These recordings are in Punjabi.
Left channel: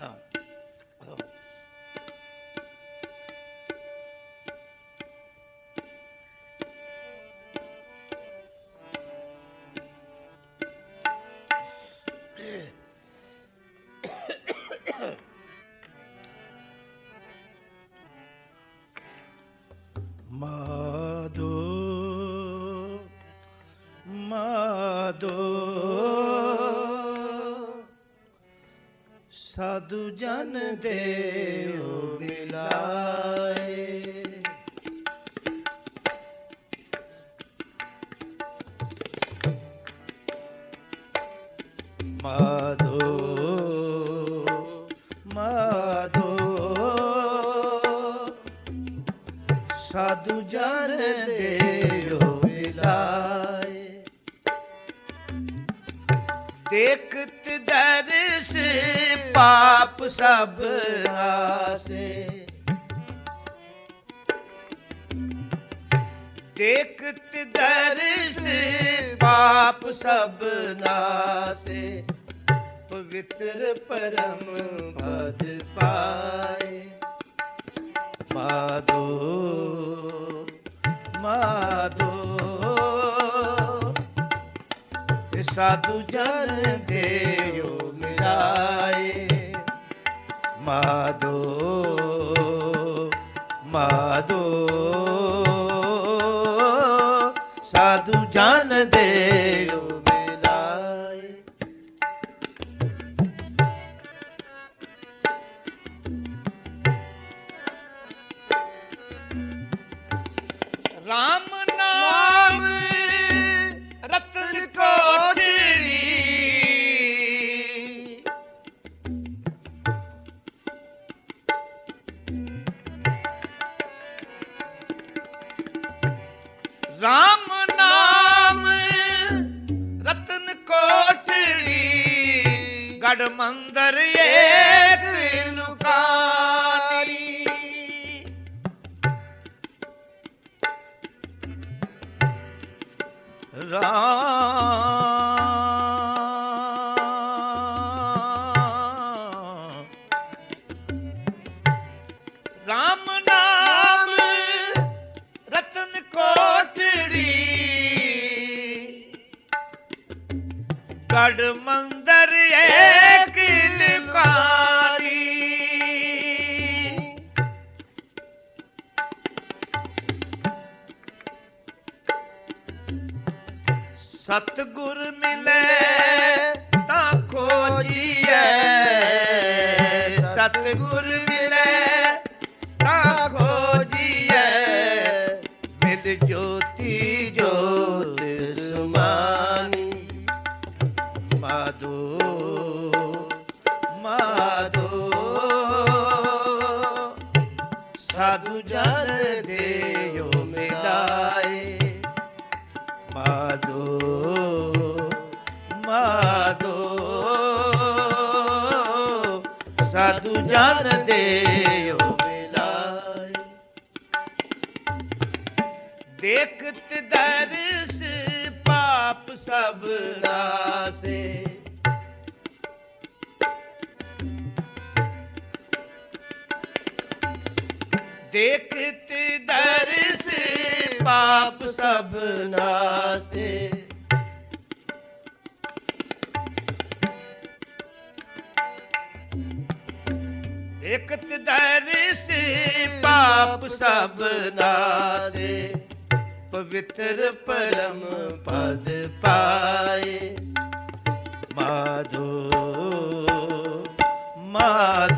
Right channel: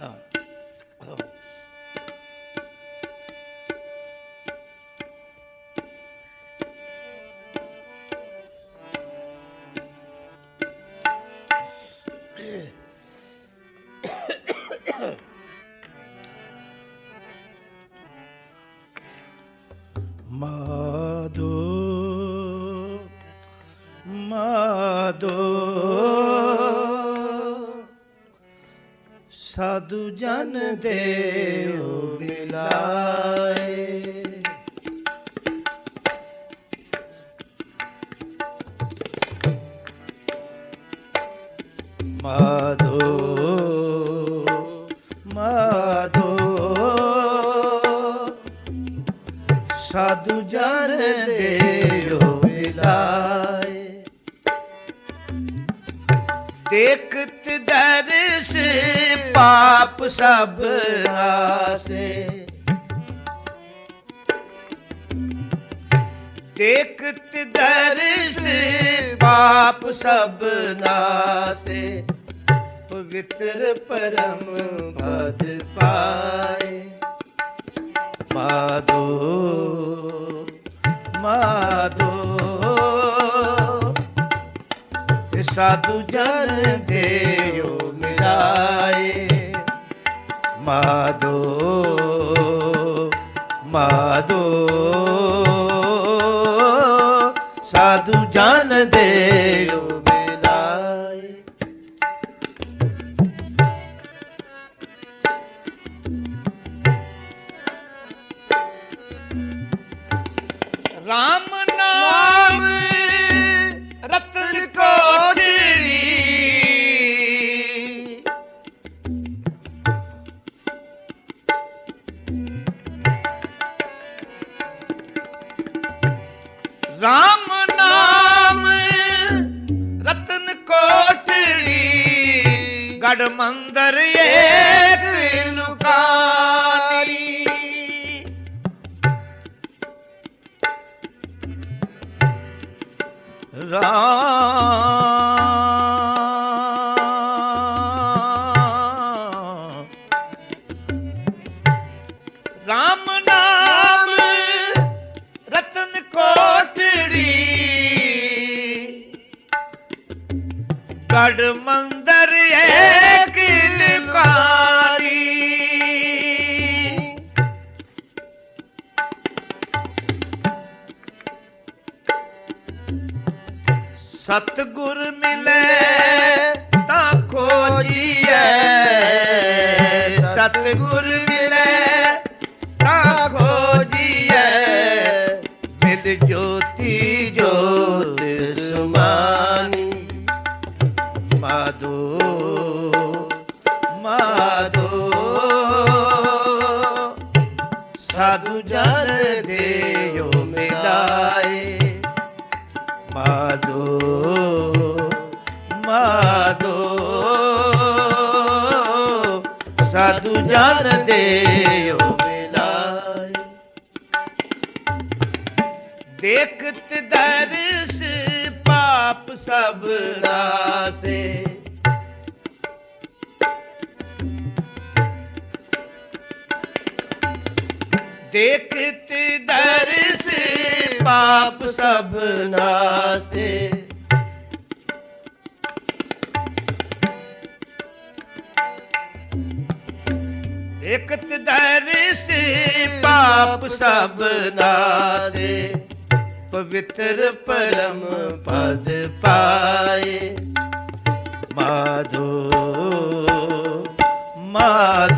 ਮਾਦੋ ਸਾਧੂ ਜਨ ਦੇਉ ਪਾਪ ਸਭ ਨਾਸੇ। ਦੇਖਤ ਦਰਸ ਪਾਪ ਸਭ ਨਾਸੇ, ਪਵਿੱਤਰ ਪਰਮ ਪਦ ਪਾਏ। ਮਾਧੋ ਮਾਧੋ ਸਾਧੂ ਜਨ ਦੇਓ ਮਿਲਾਏ। ਮਾਧੋ ਮਾਧੋ ਸਾਧੂ ਜਨ ਦੇਉ ਰਾਮ ਰਾਮ ਨਾਮ ਰਤਨ ਕੋਟੜੀ। ਗੜ ਮੰਦਰ ਸਤਗੁਰ ਮਿਲੇ ਤਾਂ ਖੋਜੀਐ। ਸਤਗੁਰ ਮਿਲੇ ਸਾਧੂ ਜਨ ਦੇਉ ਮਿਲਾਏ ਦੇਖਤ ਦਰਸ ਪਾਪ ਸਭ ਨਾਸੇ। ਦੇਖਤ ਦਰਸ ਪਾਪ ਸਭ ਨਾਸੇ। ਦੇਖਤ ਦਰਸ ਪਾਪ ਸਭ ਨਾਸੇ ਪਵਿੱਤਰ ਪਰਮ ਪਦ ਪਾਏ। ਮਾਧੋ ਮਾਧ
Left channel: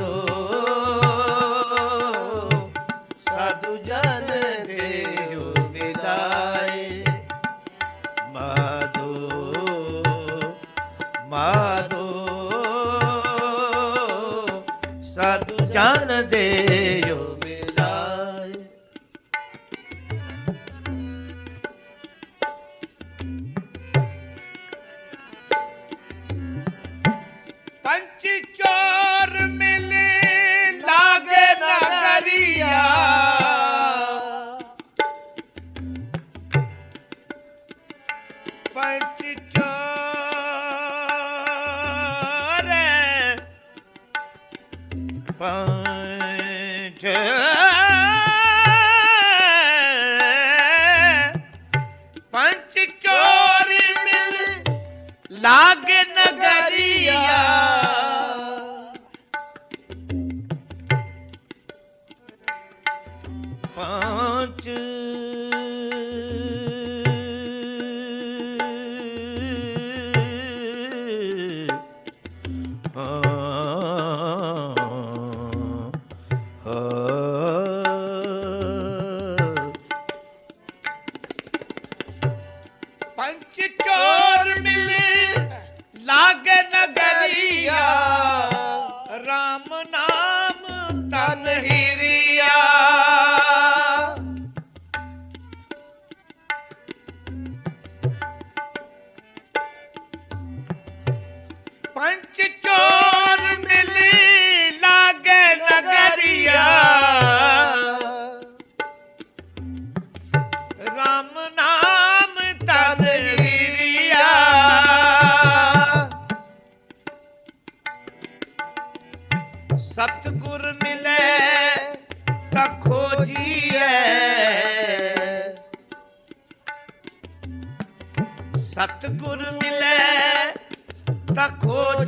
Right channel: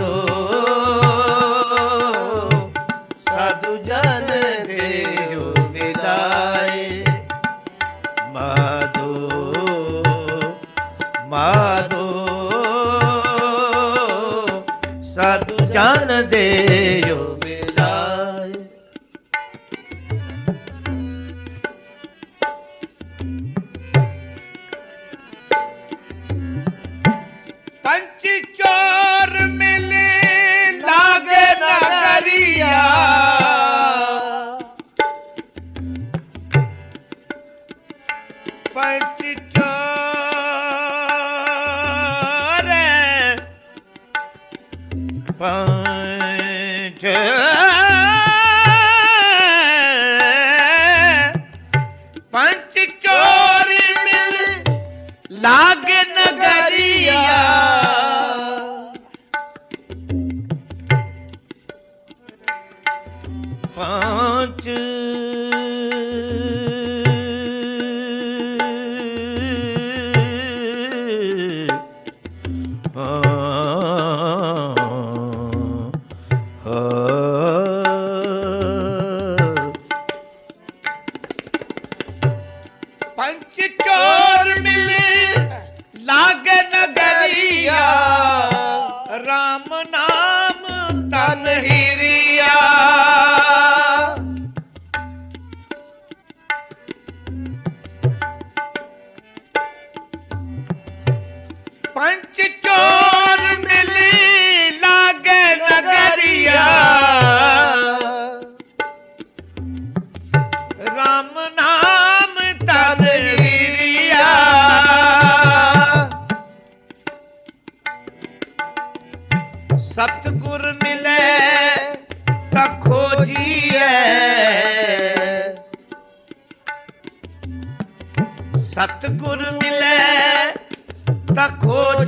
पंच चो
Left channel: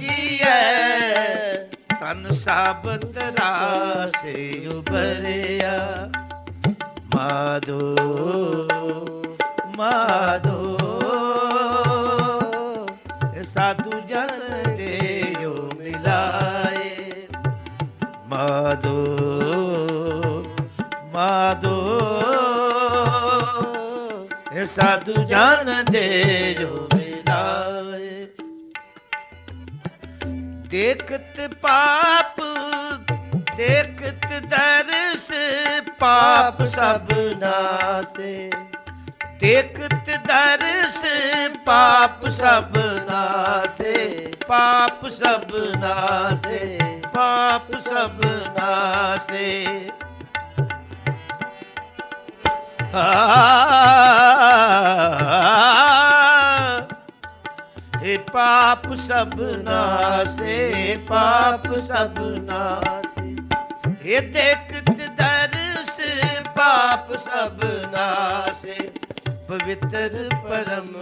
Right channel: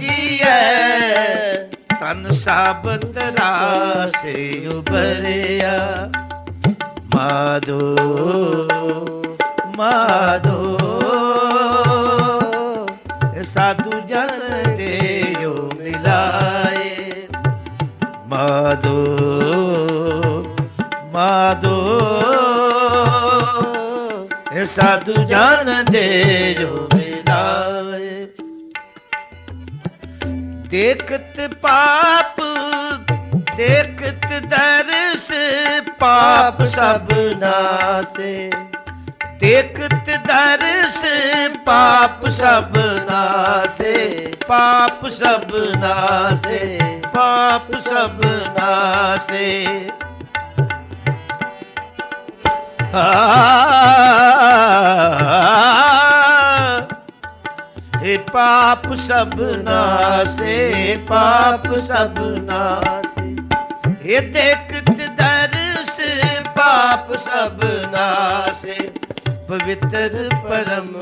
ਖੋਜੀਐ ਤਨ ਸਾਬਤ ਰਾਸੇ ਉਬਰਿਆ ਮਾਧੋ ਮਾਧੋ ਇਹ ਸਾਧੂ ਜਨ ਦੇਯੋ ਮਿਲਾਏ। ਮਾਧੋ ਮਾਧੋ ਇਹ ਸਾਧੂ ਜਨ ਦੇਯੋ ਦੇਖਤ ਪਾਪ, ਦੇਖਤ ਦਰਸ ਪਾਪ ਸਭ ਨਾਸੇ। ਦੇਖਤ ਦਰਸ ਪਾਪ ਸਭ ਨਾਸੇ, ਪਾਪ ਸਭ ਨਾਸੇ, ਪਾਪ ਸਭ ਨਾਸੇ। ਆ ਪਾਪ ਸਭ ਨਾਸੇ ਪਾਪ ਸਭ ਨਾਸੇ ਇਹ ਦੇਖਤ ਦਰਸ ਪਾਪ ਸਭ ਨਾਸੇ ਪਵਿੱਤਰ ਪਰਮ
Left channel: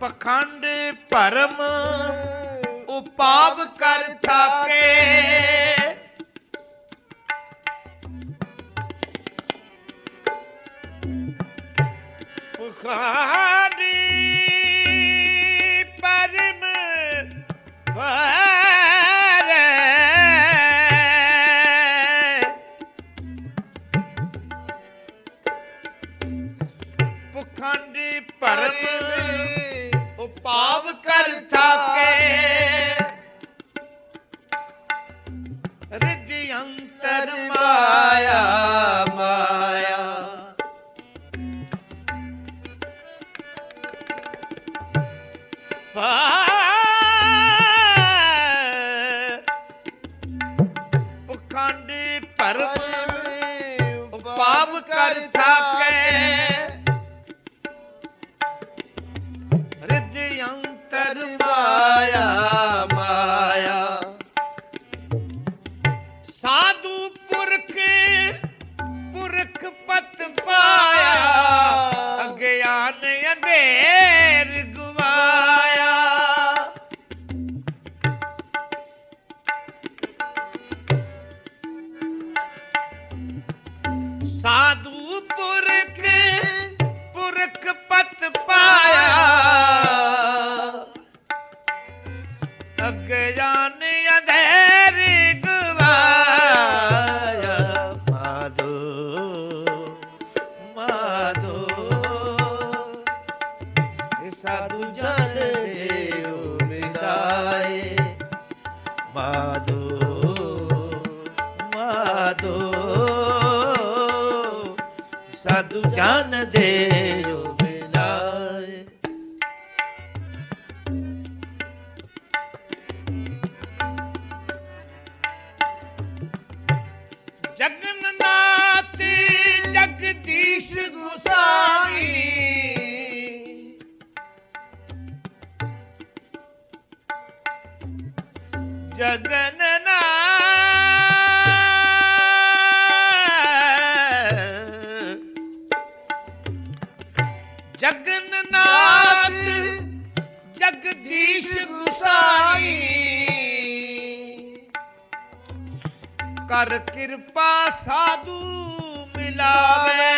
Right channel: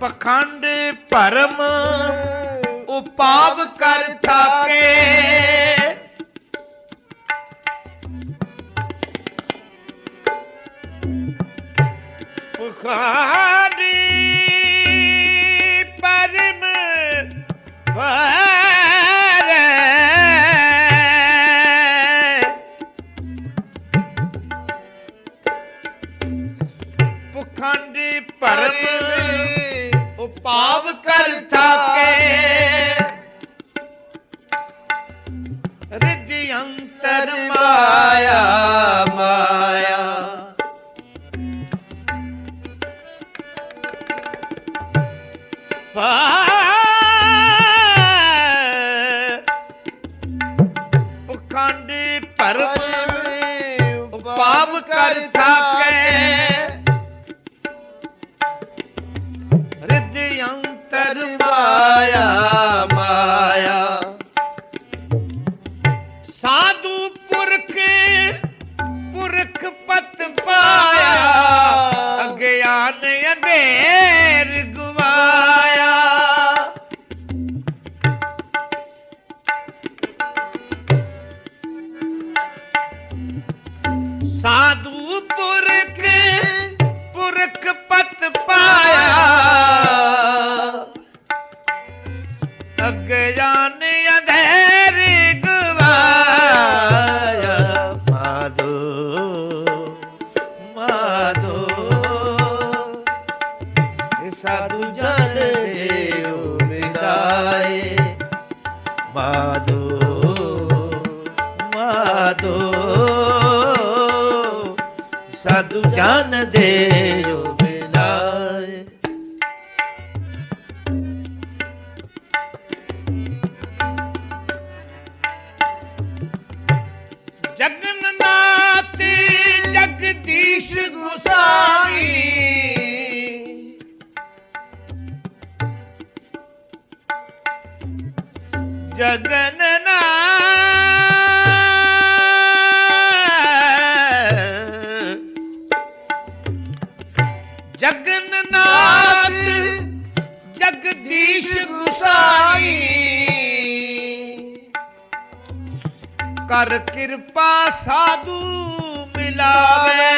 ਪਖੰਡ ਭਰਮ ਉਪਾਵ ਕਰ ਥਾਕੇ। Yeah. ਗਿਆਨ ਦੇ ਜੋ ਬਿਲਾਏ। ਜਗਨਨਾਥੀ ਜਗਦੀਸ਼ ਗੁਸਾਈ। ਜਗਨਨਾਥ ਜਗਨਨਾਥ ਜਗਦੀਸ਼ ਗੁਸਾਈ। ਕਰ ਕਿਰਪਾ ਸਾਧੂ ਮਿਲਾਵੇ।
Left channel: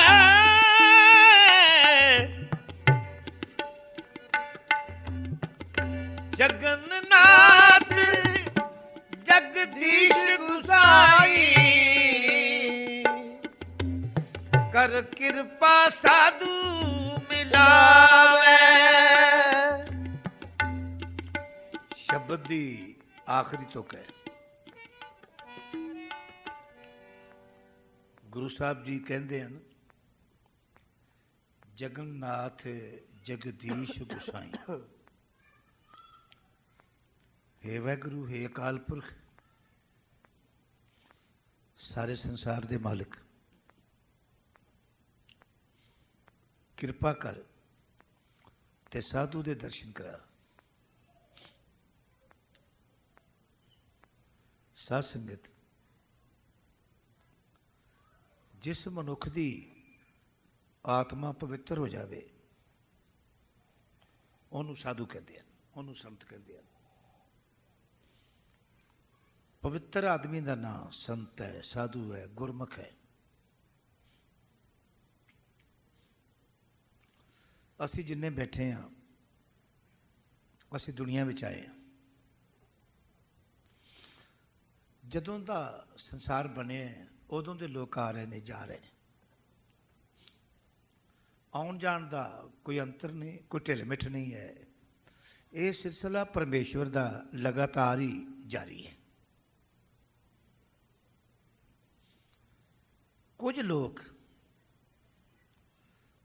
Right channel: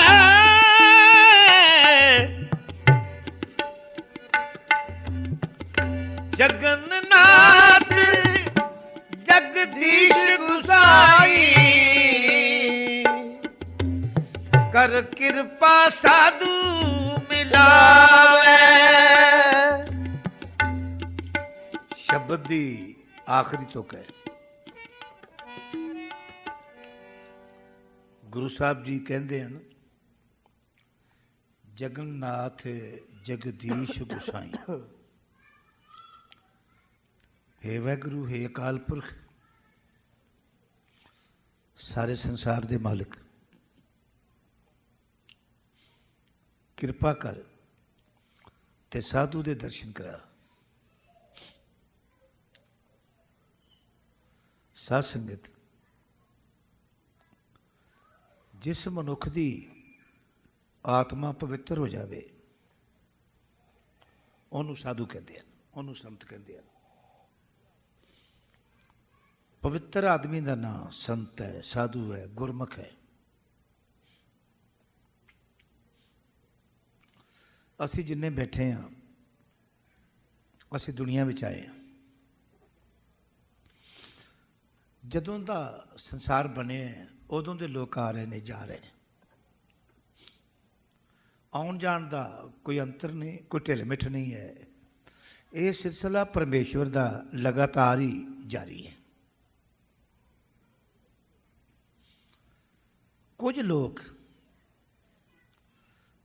ਜਗਨਨਾਥ ਜਗਦੀਸ਼ ਗੁਸਾਈ। ਕਰ ਕਿਰਪਾ ਸਾਧੂ ਮਿਲਾਵੇ। ਸ਼ਬਦ ਦੀ ਆਖਰੀ ਤੁਕ ਹੈ। ਗੁਰੂ ਸਾਹਿਬ ਜੀ ਕਹਿੰਦੇ ਹਨ, ਜਗਨਨਾਥ ਜਗਦੀਸ਼ ਗੁਸਾਈ। ਹੇ ਵਾਹਿਗੁਰੂ ਹੇ ਅਕਾਲ ਪੁਰਖ। ਸਾਰੇ ਸੰਸਾਰ ਦੇ ਮਾਲਕ, ਕਿਰਪਾ ਕਰ ਤੇ ਸਾਧੂ ਦੇ ਦਰਸ਼ਨ ਕਰਾ। ਸਾਧ ਸੰਗਤ, ਜਿਸ ਮਨੁੱਖ ਦੀ ਆਤਮਾ ਪਵਿੱਤਰ ਹੋ ਜਾਵੇ, ਉਹਨੂੰ ਸਾਧੂ ਕਹਿੰਦੇ ਹਨ, ਉਹਨੂੰ ਸੰਤ ਕਹਿੰਦੇ ਹਨ। ਪਵਿੱਤਰ ਆਦਮੀ ਦਾ ਨਾਮ ਸੰਤ ਹੈ ਸਾਧੂ ਹੈ ਗੁਰਮੁਖ ਹੈ। ਅਸੀਂ ਜਿੰਨੇ ਬੈਠੇ ਹਾਂ ਅਸੀਂ ਦੁਨੀਆ ਵਿੱਚ ਆਏ ਹਾਂ। ਜਦੋਂ ਦਾ ਸੰਸਾਰ ਬਣਿਆ ਹੈ, ਉਦੋਂ ਦੇ ਲੋਕ ਆ ਰਹੇ ਨੇ ਜਾ ਰਹੇ ਨੇ। ਆਉਣ ਜਾਣ ਦਾ ਕੋਈ ਅੰਤਰ ਨਹੀਂ ਕੋਈ ਢਿੱਲ ਮਿੱਠ ਨਹੀਂ ਹੈ। ਇਹ ਸਿਲਸਿਲਾ ਪਰਮੇਸ਼ਵਰ ਦਾ ਲਗਾਤਾਰ ਹੀ ਜਾਰੀ ਹੈ। ਕੁਝ ਲੋਕ,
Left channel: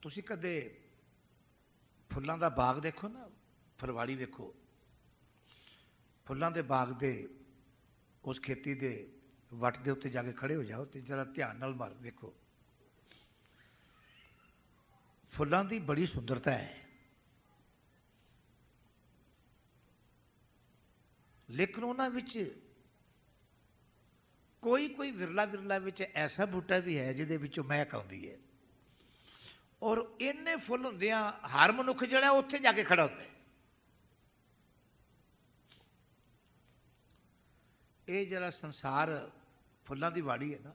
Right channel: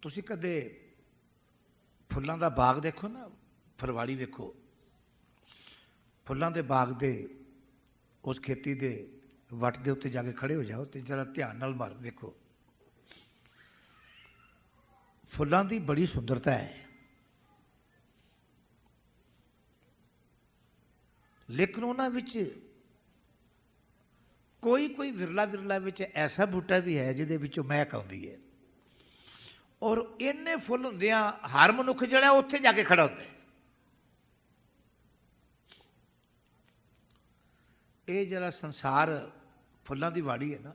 ਤੁਸੀਂ ਕਦੇ ਫੁੱਲਾਂ ਦਾ ਬਾਗ ਦੇਖੋ ਨਾ ਫਰਵਾੜੀ ਵੇਖੋ, ਫੁੱਲਾਂ ਦੇ ਬਾਗ ਦੇ, ਉਸ ਖੇਤੀ ਦੇ ਵੱਟ ਦੇ ਉੱਤੇ ਜਾ ਕੇ ਖੜੇ ਹੋ ਜਾਓ ਤੇ ਜਰਾ ਧਿਆਨ ਨਾਲ ਮਾਰ ਵੇਖੋ। ਫੁੱਲਾਂ ਦੀ ਬੜੀ ਸੁੰਦਰਤਾ ਹੈ। ਲੇਕਿਨ ਉਹਨਾਂ ਵਿੱਚ ਕੋਈ ਕੋਈ ਵਿਰਲਾ ਵਿਰਲਾ ਵਿੱਚ ਐਸਾ ਬੂਟਾ ਵੀ ਹੈ ਜਿਹਦੇ ਵਿੱਚੋਂ ਮਹਿਕ ਆਉਂਦੀ ਹੈ। ਔਰ ਇੰਨੇ ਫੁੱਲ ਹੁੰਦਿਆਂ ਹਰ ਮਨੁੱਖ ਜਿਹੜਾ ਉੱਥੇ ਜਾ ਕੇ ਖੜਾ ਹੁੰਦਾ ਇਹ ਜਿਹੜਾ ਸੰਸਾਰ ਫੁੱਲਾਂ ਦੀ ਵਾੜੀ ਹੈ ਨਾ,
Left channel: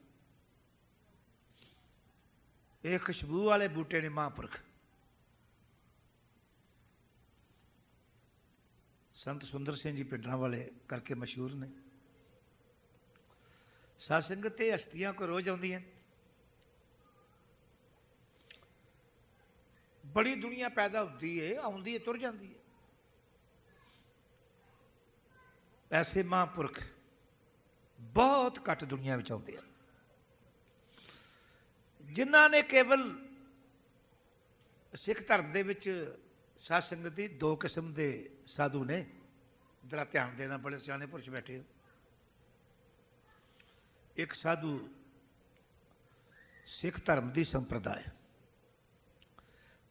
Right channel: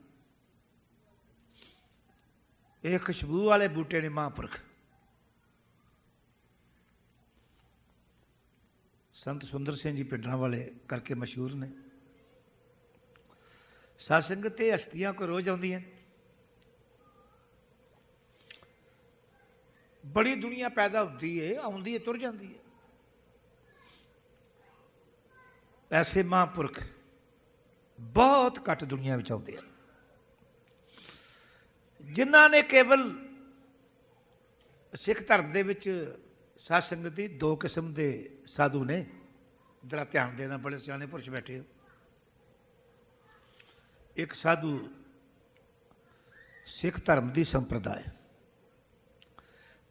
ਇਹ ਖੁਸ਼ਬੂ ਵਾਲੇ ਬੂਟੇ ਨੇ ਮਹਾਂਪੁਰਖ। ਸੰਤ ਸੁੰਦਰ ਸਿੰਘ ਜੀ ਪਿੰਡਰਾਂ ਵਾਲੇ ਕਰਕੇ ਮਸ਼ਹੂਰ ਨੇ। ਸਾਧ ਸੰਗਤ ਤੇ ਹਸਤੀਆਂ ਕੋ ਰੋਜ਼ ਆਉਂਦੀਆਂ ਬੜੀ ਦੁਨੀਆ ਪੈਦਾ ਹੁੰਦੀ ਏ, ਆਉਂਦੀ ਏ, ਤੁਰ ਜਾਂਦੀ ਏ। ਐਸੇ ਮਹਾਂਪੁਰਖ ਬਹੁਤ ਘੱਟ ਦੁਨੀਆ ਵਿੱਚ ਆਉਂਦੇ ਹਨ ਜਿਨ੍ਹਾਂ ਨੇ ਕੇਵਲ ਸਿੱਖ ਧਰਮ ਦੇ ਵਿੱਚ ਸਾਧ ਸੰਗਤ ਦੀ ਦੋ ਕਿਸਮ ਦੇ ਸਾਧੂ ਨੇ। ਜਰਾ ਧਿਆਨ ਦੇਣਾ, ਬੜੇ ਸਿਆਣੇ ਪੁਰਸ਼ ਬੈਠੇ ਹੋ। ਇੱਕ ਸਾਧੂ ਸਿੱਖ ਧਰਮ ਦੀ ਸੰਪਰਦਾਇ।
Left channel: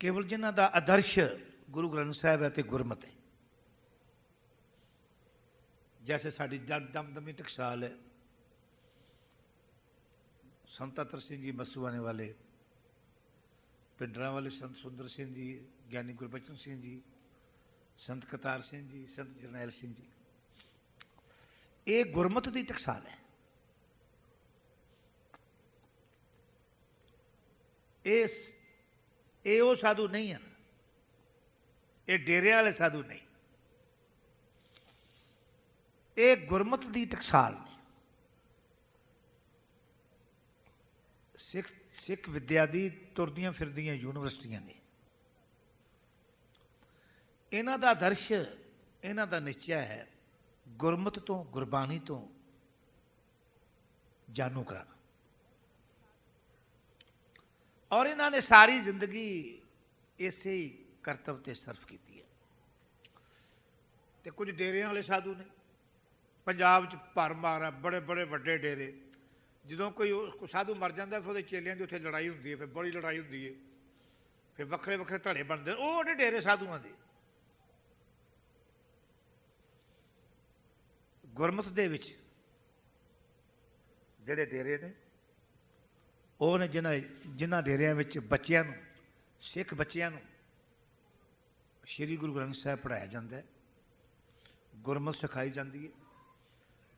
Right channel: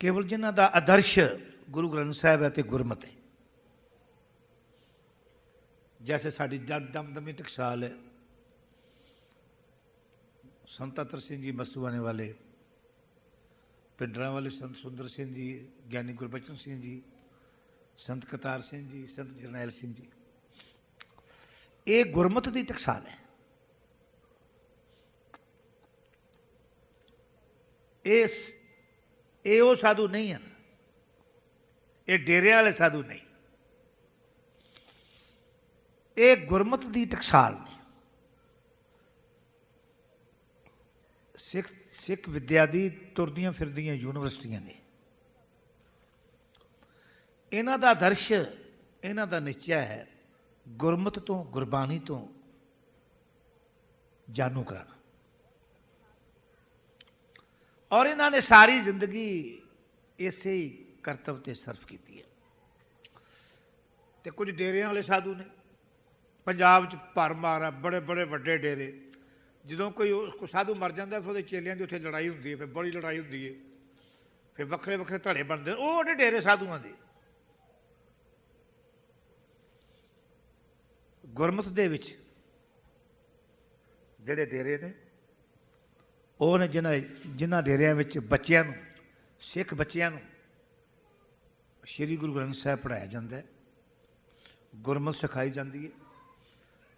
ਕੇਵਲ ਜਿਨ੍ਹਾਂ ਦਾ ਆਦਰਸ਼ ਗੁਰੂ ਗ੍ਰੰਥ ਸਾਹਿਬ ਹੈ ਤੇ ਗੁਰਮਤਿ ਹੈ। ਜੈਸੇ ਸਾਡੀ ਜਨ ਦਮਦਮੀ ਟਕਸਾਲ ਹੈ। ਸੰਤ ਅਤਰ ਸਿੰਘ ਜੀ ਮਸਤੂਆਣੇ ਵਾਲੇ, ਪਿੰਡਰਾਂ ਵਾਲੇ ਸੰਤ ਸੁੰਦਰ ਸਿੰਘ ਜੀ, ਗਿਆਨੀ ਗੁਰਬਚਨ ਸਿੰਘ ਜੀ, ਸੰਤ ਕਤਾਰ ਸਿੰਘ ਜੀ, ਸੰਤ ਜਰਨੈਲ ਸਿੰਘ ਜੀ। ਇਹ ਗੁਰਮਤ ਦੀ ਟਕਸਾਲ ਹੈ। ਇਹ ਇਹ ਉਹ ਸਾਧੂ ਨਹੀਂ ਹਨ। ਇਹ ਡੇਰਿਆਂ ਵਾਲੇ ਸਾਧੂ ਨਹੀਂ। ਇਹ ਗੁਰਮਤ ਦੀ ਟਕਸਾਲ ਨੇ। ਸਿੱਖ ਸਿੱਖ ਵਿਦਿਆ ਦੀ ਤੁਰਦੀਆਂ ਫਿਰਦੀਆਂ ਯੂਨੀਵਰਸਿਟੀਆਂ ਨੇ। ਇਹਨਾਂ ਦਾ ਆਦਰਸ਼ ਇਹਨਾਂ ਦਾ ਨਿਸ਼ਚੈ ਹੈ, ਗੁਰਮਤ ਤੋਂ ਗੁਰਬਾਣੀ ਤੋਂ ਜਾਣੂ ਕਰਾਣਾ ਔਰ ਇਹਨਾਂ ਨੇ ਸਾਰੀ ਜ਼ਿੰਦਗੀ ਇਸੇ ਹੀ ਕਰਤਵ ਤੇ ਸਰਫ ਕੀਤੀ ਹੈ। ਤੇ ਕੁਝ ਡੇਰਿਆਂ ਵਾਲੇ ਸਾਧੂ ਨੇ, ਪੰਜਾਬ 'ਚ ਭਰਮਾਰ ਆ, ਬੜੇ ਬੜੇ ਵੱਡੇ ਡੇਰੇ। ਜਦੋਂ ਕੋਈ ਉਹ- ਸਾਧੂ ਮਰ ਜਾਂਦਾ, ਫਿਰ ਉਹਦੇ ਚੇਲਿਆਂ ਦੀ ਉੱਥੇ ਲੜਾਈ ਹੁੰਦੀ ਹੈ, ਫਿਰ ਬੜੀ ਲੜਾਈ ਹੁੰਦੀ ਹੈ। ਫਿਰ ਵੱਖਰੇ ਵੱਖਰੇ ਧੜੇ ਬਣਦੇ ਉਹ ਉਹਦੇ ਡੇਰੇ ਸਾਧੂਆਂ ਦੇ। ਗੁਰਮਤ ਦੇ ਵਿੱਚ ਜਿਹੜੇ ਡੇਰੇ ਨੇ ਉਹ ਨੇ ਜਿਨ੍ਹਾਂ ਜਿਨ੍ਹਾਂ ਡੇਰਿਆਂ ਵਿੱਚ ਬੱਚਿਆਂ ਨੂੰ, ਸਿੱਖ ਬੱਚਿਆਂ ਨੂੰ ਸ੍ਰੀ ਗੁਰੂ ਗ੍ਰੰਥ ਸਾਹਿਬ ਪੜਾਇਆ ਜਾਂਦਾ ਹੈ। ਗੁਰਮਤ ਸਿਖਾਈ ਜਾਂਦੀ ਹੈ।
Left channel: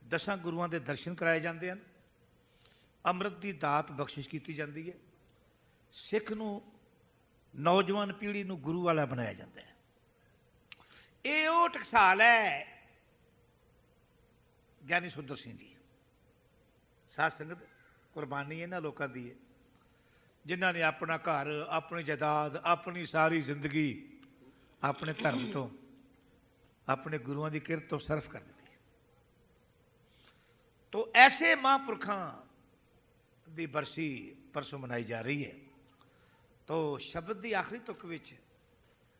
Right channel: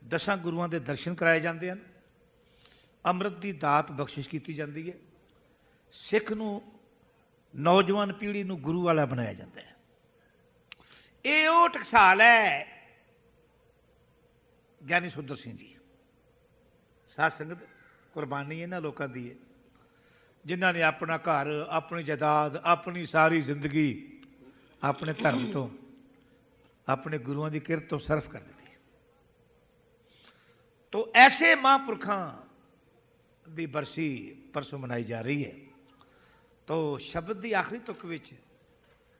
ਦਸਾਂ ਗੁਰੂਆਂ ਦੇ ਦਰਸ਼ਨ ਕਰਾਏ ਜਾਂਦੇ ਹਨ। ਅੰਮ੍ਰਿਤ ਦੀ ਦਾਤ ਬਖਸ਼ਿਸ਼ ਕੀਤੀ ਜਾਂਦੀ ਹੈ। ਸਿੱਖ ਨੂੰ ਨੌਜਵਾਨ ਪੀੜ੍ਹੀ ਨੂੰ ਗੁਰੂ ਵਾਲਾ ਬਣਾਇਆ ਜਾਂਦਾ ਹੈ। ਇਹ ਉਹ ਟਕਸਾਲ ਹੈ, ਗਿਆਨੀ ਸੁੰਦਰ ਸਿੰਘ ਜੀ, ਸਾਧ ਸੰਗਤ। ਕੁਰਬਾਨੀ ਇਹਨਾਂ ਲੋਕਾਂ ਦੀ ਹੈ। ਜਿਨ੍ਹਾਂ ਨੇ ਆਪਣਾ ਘਰ, ਆਪਣੀ ਜਾਇਦਾਦ, ਆਪਣੀ ਸਾਰੀ ਜ਼ਿੰਦਗੀ ਆਪਣੇ ਧਰਮ ਤੋਂ, ਆਪਣੇ ਗੁਰੂਆਂ ਦੀ ਕਿਰਤ ਤੋਂ ਸਰਫ ਕਰ ਦਿੱਤੀ ਤੋ ਐਸੇ ਮਹਾਂਪੁਰਖਾਂ ਦੀ ਬਰਸੀ ਪਰਸੋਂ ਮਨਾਈ ਜਾ ਰਹੀ ਹੈ। ਤੋ ਸ਼ਬਦ ਦੀ ਆਖਰੀ ਤੁਕ ਵਿੱਚ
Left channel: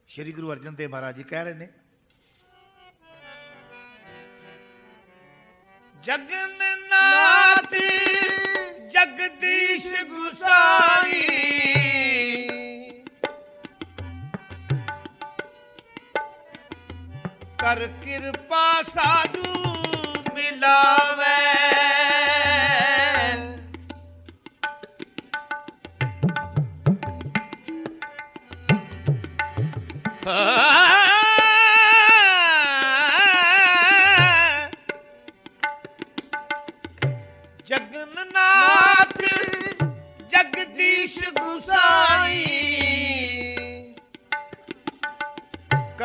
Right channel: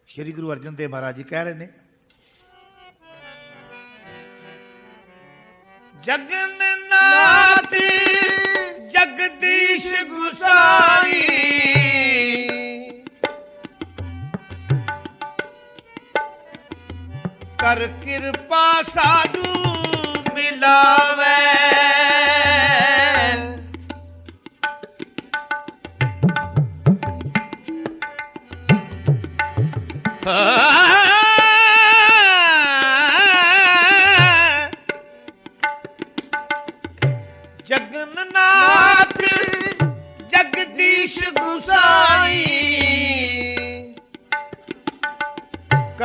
ਸ੍ਰੀ ਗੁਰੂ ਅਰਜਨ ਦੇਵ ਮਹਾਰਾਜ ਜੀ ਕਹਿ ਰਹੇ ਨੇ, ਜਗਨ ਨਾਥ ਜਗਦੀਸ਼ ਗੁਸਾਈ। ਕਰ ਕਿਰਪਾ ਸਾਧੂ ਮਿਲਾਵੇ। ਜਗਨਨਾਥ ਜਗਦੀਸ਼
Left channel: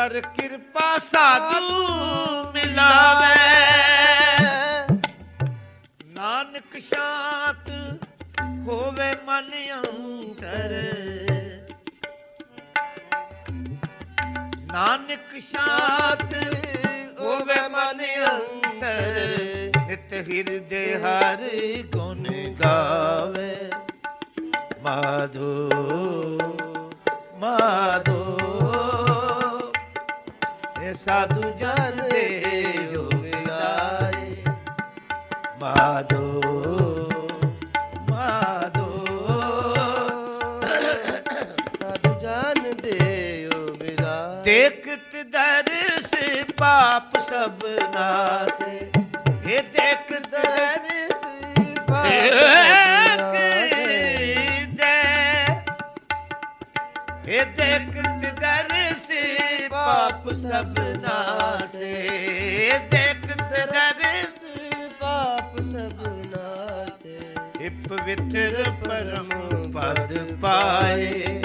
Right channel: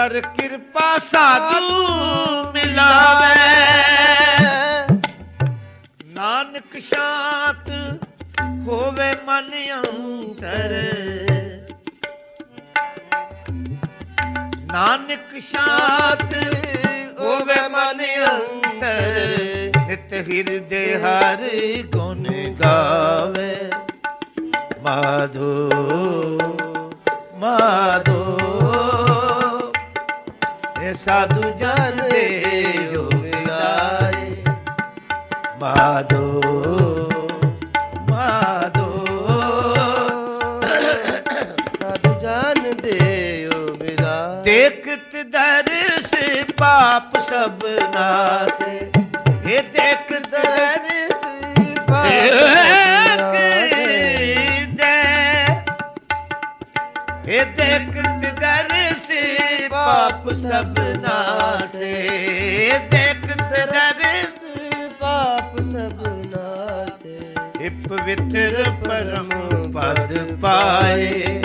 ਕਰ ਕਿਰਪਾ ਸਾਧੂ ਮਿਲਾਵੇ। ਨਾਨਕ ਸ਼ਾਂਤ ਹੋਵੇ ਮਨ ਅੰਤਰ। ਨਾਨਕ ਸ਼ਾਂਤ ਹੋਵੇ ਮਨ ਅੰਤਰ। ਨਿਤ ਹਿਰਦੇ ਹਰ ਗੁਣ ਗਾਵੇ। ਮਾਧੋ ਮਾਧੋ। ਸਾਧੂ ਜਨ ਦੇ ਜੋ ਵਿਦਾਏ ਮਾਧੋ ਮਾਧੋ। ਸਾਧੂ ਜਨ ਦੇਓ ਮੇਰਾ ਦੇਖਤ ਦਰਸ ਪਾਪ ਸਭ ਨਾਸੇ। ਦੇਖਤ ਦਰਸ ਪਾਪ ਸਭ ਨਾਸੇ ਦੇਖਤ ਦਰਸ ਪਾਪ ਸਭ ਨਾਸੇ ਪਵਿੱਤਰ ਪਰਮ ਪਦ ਪਾਏ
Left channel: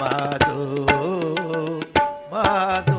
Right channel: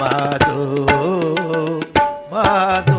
ਮਾਧੋ ਮਾਦ